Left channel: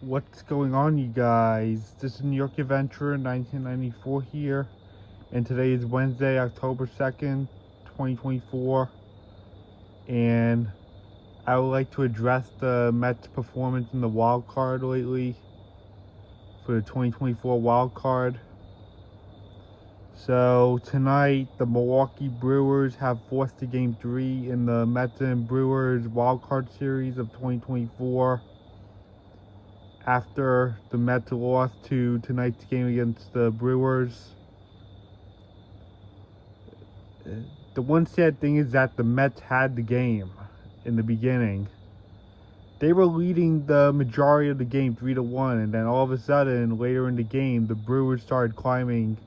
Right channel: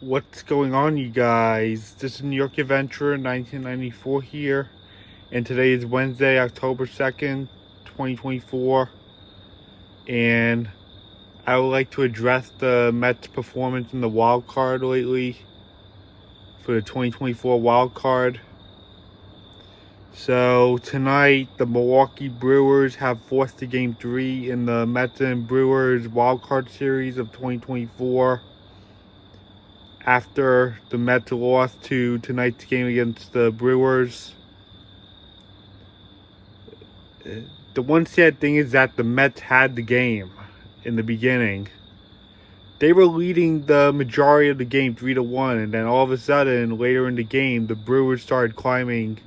What's going on, you guys? This is New York Adventurer 1994 here, and today is Wednesday, October 2nd, 2024, and I would like to address the Mets' performance in the wild card lately for the 2024 wild card. So tonight, the Milwaukee Brewers have forced to Game 3 in the Mets and Brewers wild card series of 2024. After the Mets lost to tonight's game against the Brewers. The one sad thing is that the Mets had the game in the beginning. They were leading the majority of the game 3-1, and then all of a sudden, later in the game, the Brewers started climbing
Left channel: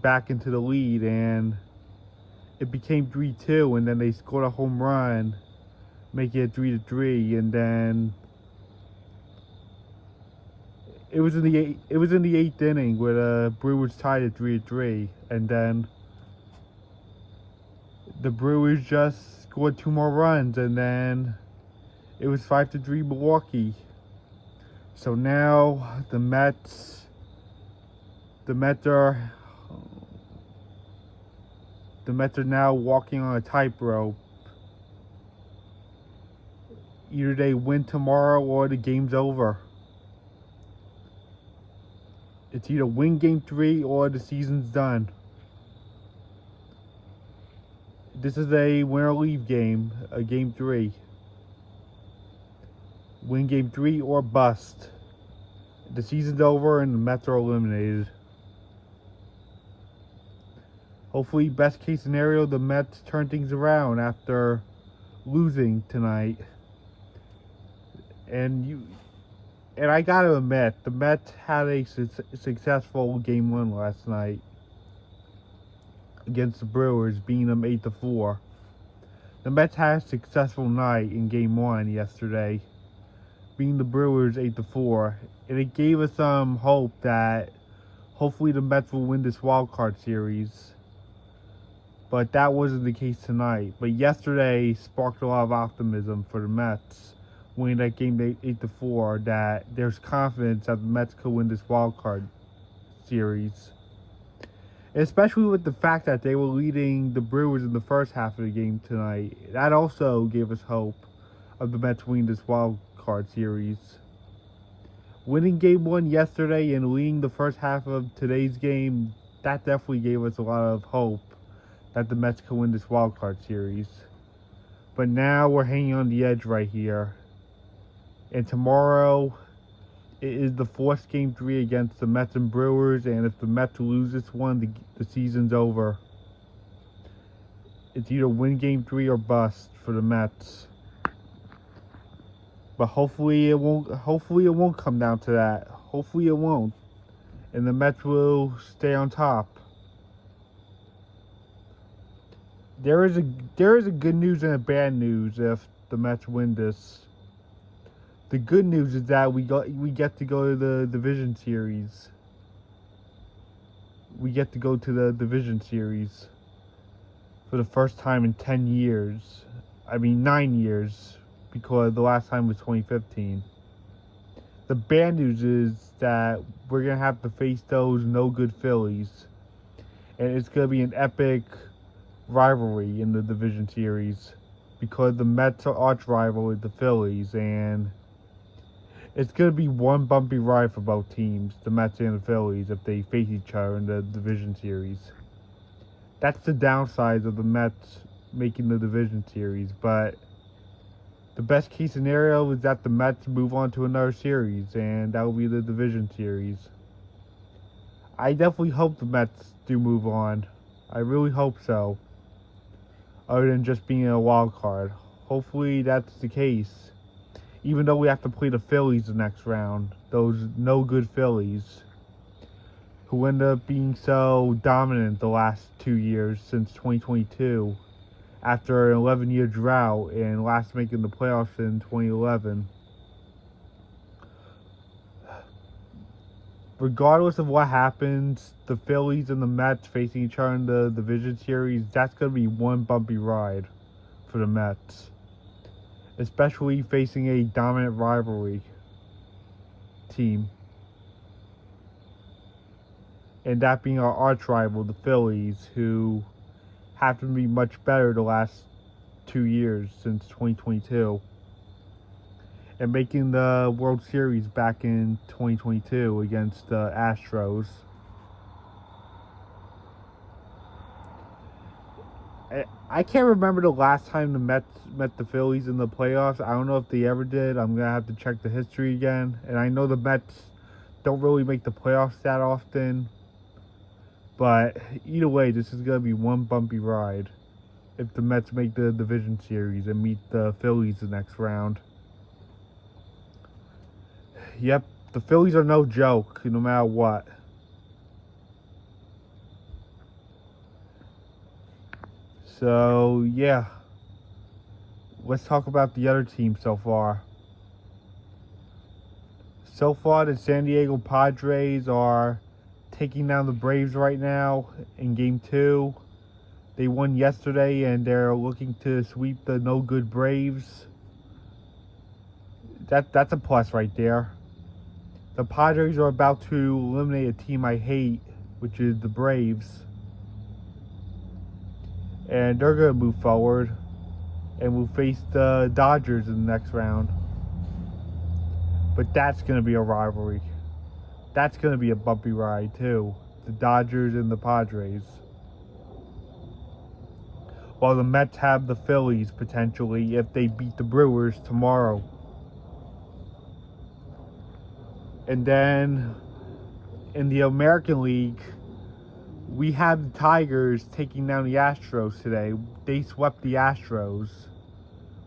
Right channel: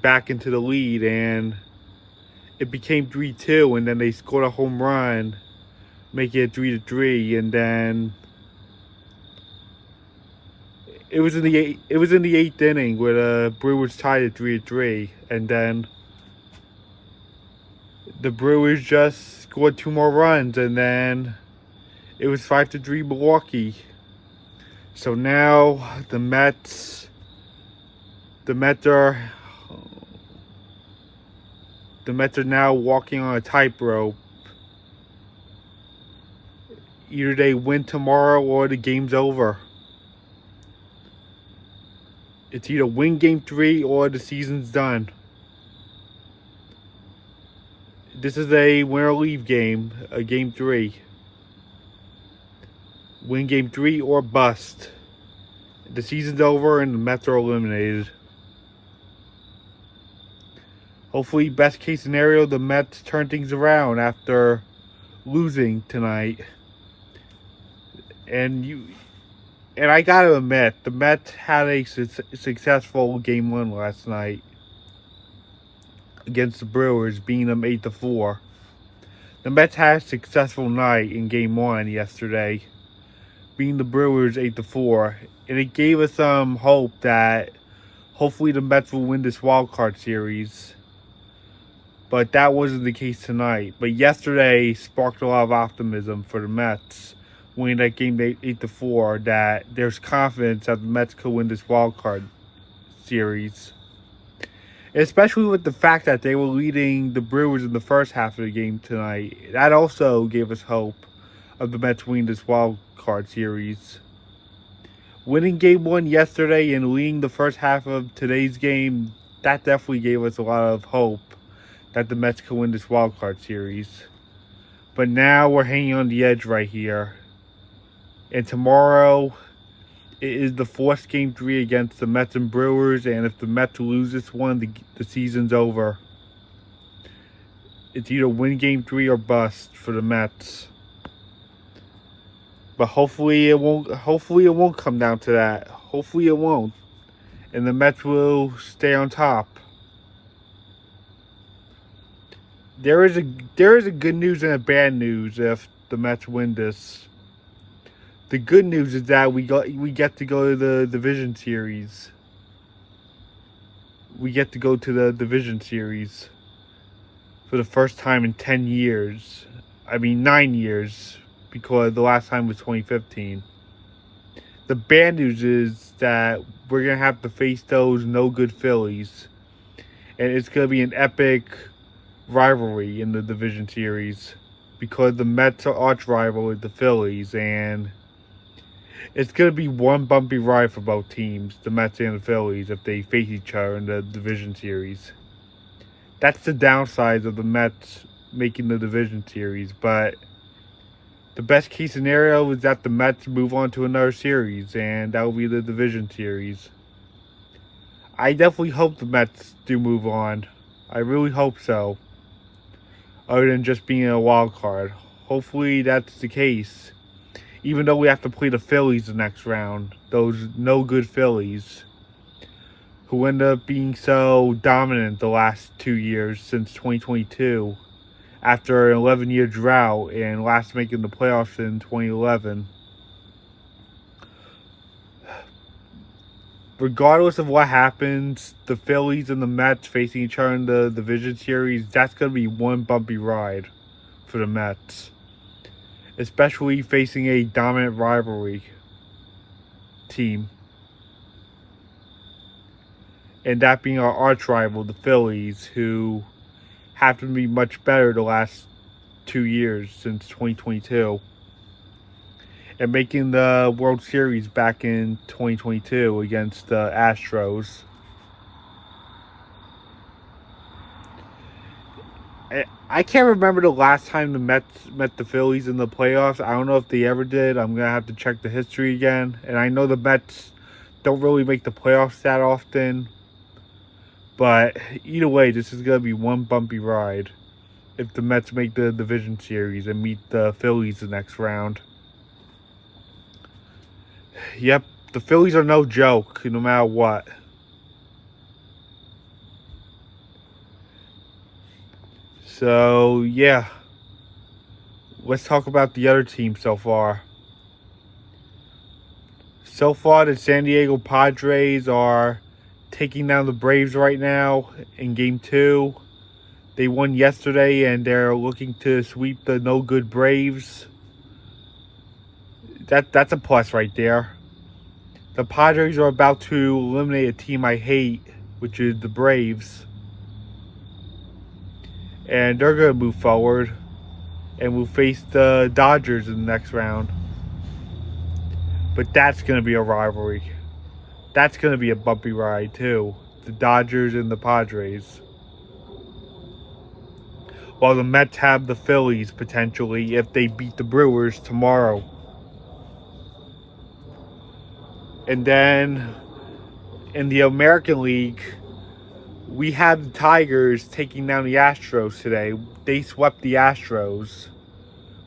back into the lead, and it became 3-2, and then they scored a home run, making it 3-3, and then it was in the eighth inning where the Brewers tied at 3-3, and then the Brewers just scored 2 more runs, and then it was 5-3 Milwaukee. So now the Mets are now walking on a tightrope. Either they win tomorrow or the game's over. It's either win Game 3 or the season's done. This is a win or leave game, a Game 3. Win Game 3 or bust. The season's over and the Mets are eliminated. Hopefully, best case scenario, the Mets turn things around after losing tonight. And I gotta admit, the Mets had a successful Game 1 last night against the Brewers, beating them 8-4. The Mets had a successful night in Game 1 yesterday, beating the Brewers 8-4, and it gave us some hope that hopefully the Mets will win this wild card series. But that wasn't the case tonight. But yesterday sparked a lot of optimism for the Mets, winning that game 8-4, that there's confidence that the Mets could win this wild card series. Especially with the fact that they were leading the Brewers in the first half of the game tonight. That also gave us hope of the Mets winning this wild card series. Winning Game 1 yesterday and leading the first half of today's game, that definitely gave us a lot of hope that the Mets could win this wild card series. But now we're hanging on the edge right here. And tomorrow, it is the fourth Game 3 against the Mets and Brewers, and if the Mets lose this one, the season's over. It's either win Game 3 or bust for the Mets. But hopefully it won't come down to that. Hopefully it won't. And the Mets will stay on top. There is a good news and a bad news if the Mets win this. The good news is that we get to go to the division series. We get to go to the division series for the first time in 10 years. I mean 9 years, because the last time was 2015. The bad news is that we're going to have to face those no-good Phillies. And it's going to be an epic rivalry in the division series, because the Mets are arch rival with the Phillies, and it's going to be one bumpy ride for both teams, the Mets and the Phillies, if they face each other in the division series. That's the downside of the Mets making the division series, but the best case scenario is that the Mets move on to another series, and that will be the division series. I definitely hope the Mets do move on. I really hope so. Other than just being a wild card. Hopefully that's the case. Even though we have to play the Phillies the next round. Those no-good Phillies, who end up being so dominant the last 2 years since 2022. After an 11-year drought and last making the playoffs in 2011. Regardless of what happens, the Phillies and the Mets facing each other in the division series, that's going to be one bumpy ride for the Mets. Especially facing a dominant rivalry team. And that being our arch rival, the Phillies, who have to be much better the last 2 years since 2022. And making the World Series back in 2022 against the Astros. I can't remember the last time the Mets met the Phillies in the playoffs. I don't know if they ever did. I'm going to have to check the history again. And I know the Mets don't really make the playoffs that often. But either way, this is going to be one bumpy ride if the Mets make the division series and meet the Phillies the next round. Yep, the Phillies are no joke, no matter what. So, yeah. Let's talk about the other team so far. So far, the San Diego Padres are taking down the Braves right now in Game 2. They won yesterday, and they're looking to sweep the no-good Braves. That's a plus right there. The Padres are about to eliminate a team I hate, which is the Braves. And they're going to move forward. And we'll face the Dodgers in the next round. But that's going to be a rivalry. That's going to be a bumpy ride, too. The Dodgers and the Padres. While the Mets have the Phillies, potentially, if they beat the Brewers tomorrow. And then, in the American League, we have the Tigers taking down the Astros today. They swept the Astros,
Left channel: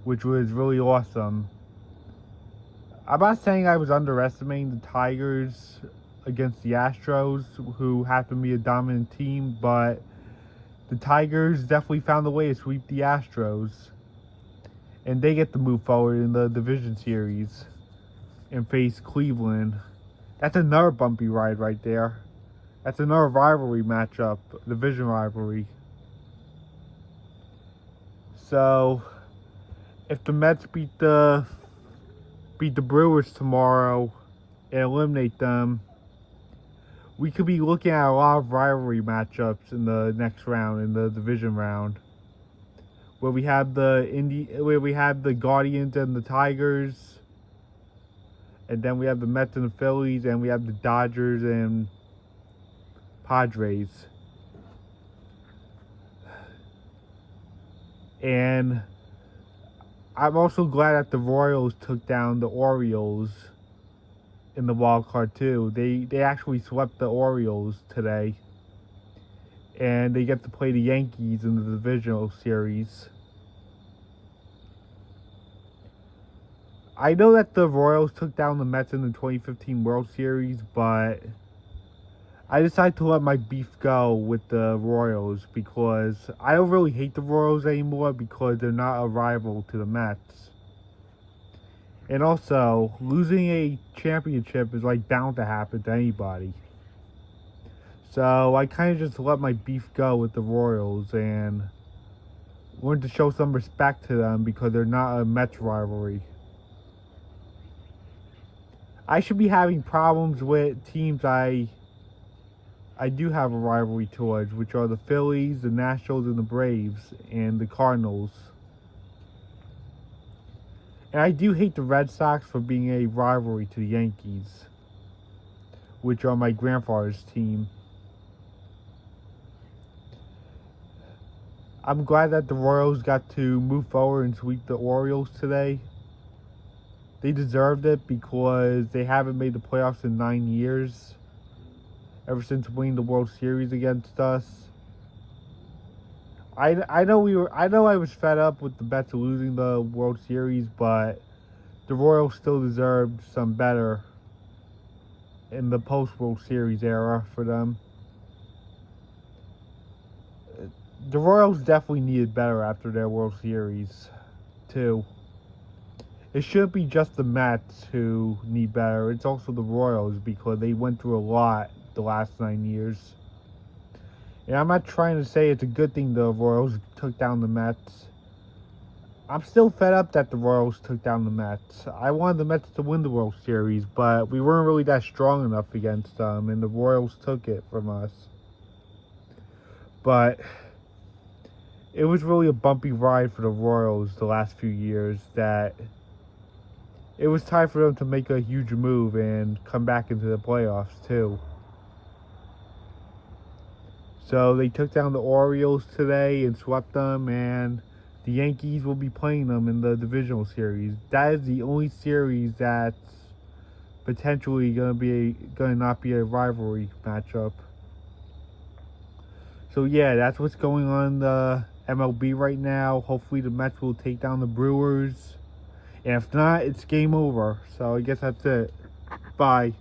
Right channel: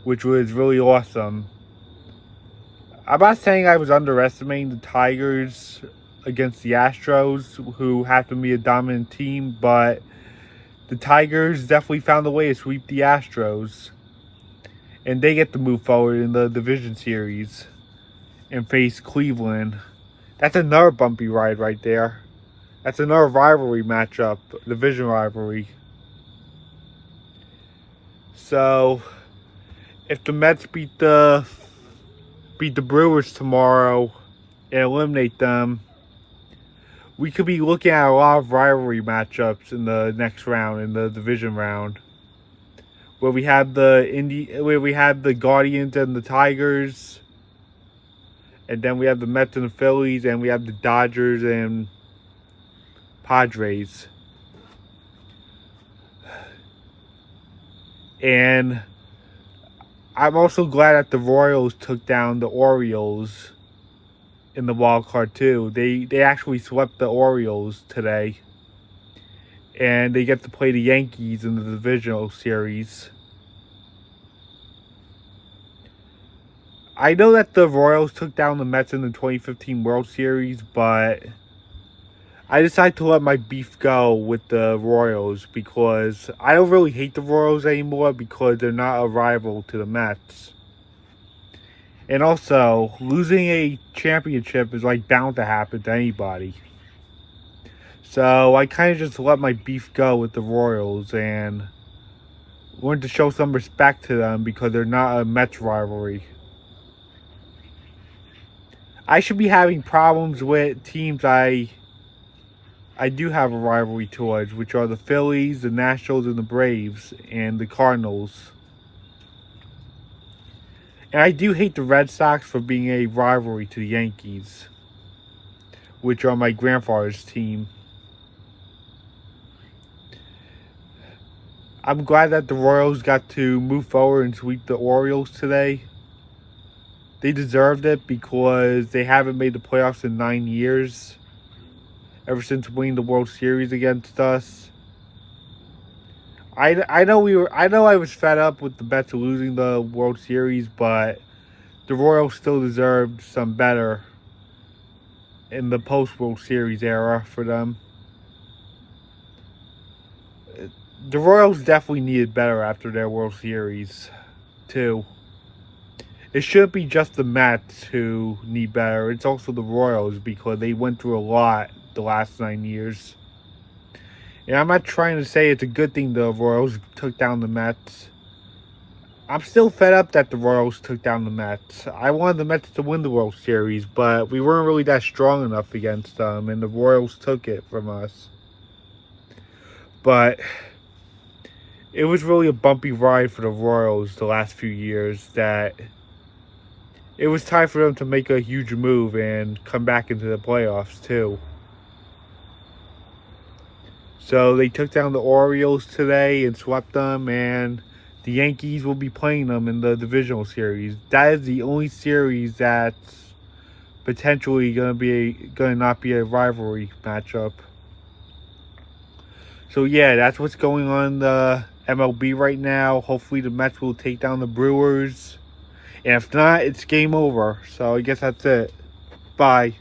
which was really awesome. I'm not saying I was underestimating the Tigers against the Astros, who happen to be a dominant team, but the Tigers definitely found a way to sweep the Astros. And they get to move forward in the division series and face Cleveland. That's another bumpy ride right there. That's another rivalry matchup, division rivalry. So, if the Mets beat the Brewers tomorrow and eliminate them, we could be looking at a lot of rivalry matchups in the next round, in the division round, where we have the Guardians and the Tigers, and then we have the Mets and the Phillies, and we have the Dodgers and Padres. And I'm also glad that the Royals took down the Orioles in the wild card too. They actually swept the Orioles today. And they get to play the Yankees in the divisional series. I know that the Royals took down the Mets in the 2015 World Series, but I decided to let my beef go with the Royals because I don't really hate the Royals anymore because they're not a rival to the Mets. And also, losing a championship is like bound to happen to anybody. So I kind of just let my beef go with the Royals and wanted to show some respect to them because they're not a Mets rivalry. I should be having problems with teams I do have a rivalry towards, which are the Phillies, the Nationals, and the Braves, and the Cardinals. And I do hate the Red Sox for being a rivalry to the Yankees, which are my grandfather's team. I'm glad that the Royals got to move forward and sweep the Orioles today. They deserved it because they haven't made the playoffs in 9 years. Ever since winning the World Series against us. I know I was fed up with the Mets losing the World Series, but the Royals still deserved some better in the post-World Series era for them. The Royals definitely needed better after their World Series, too. It shouldn't be just the Mets who need better. It's also the Royals because they went through a lot the last 9 years. And I'm not trying to say it's a good thing the Royals took down the Mets. I'm still fed up that the Royals took down the Mets. I wanted the Mets to win the World Series, but we weren't really that strong enough against them, and the Royals took it from us. But it was really a bumpy ride for the Royals the last few years that it was time for them to make a huge move and come back into the playoffs too. So they took down the Orioles today and swept them, and the Yankees will be playing them in the divisional series. That is the only series that's potentially gonna not be a rivalry matchup. So yeah, that's what's going on in the MLB right now. Hopefully the Mets will take down the Brewers. And if not, it's game over. So I guess that's it. Bye.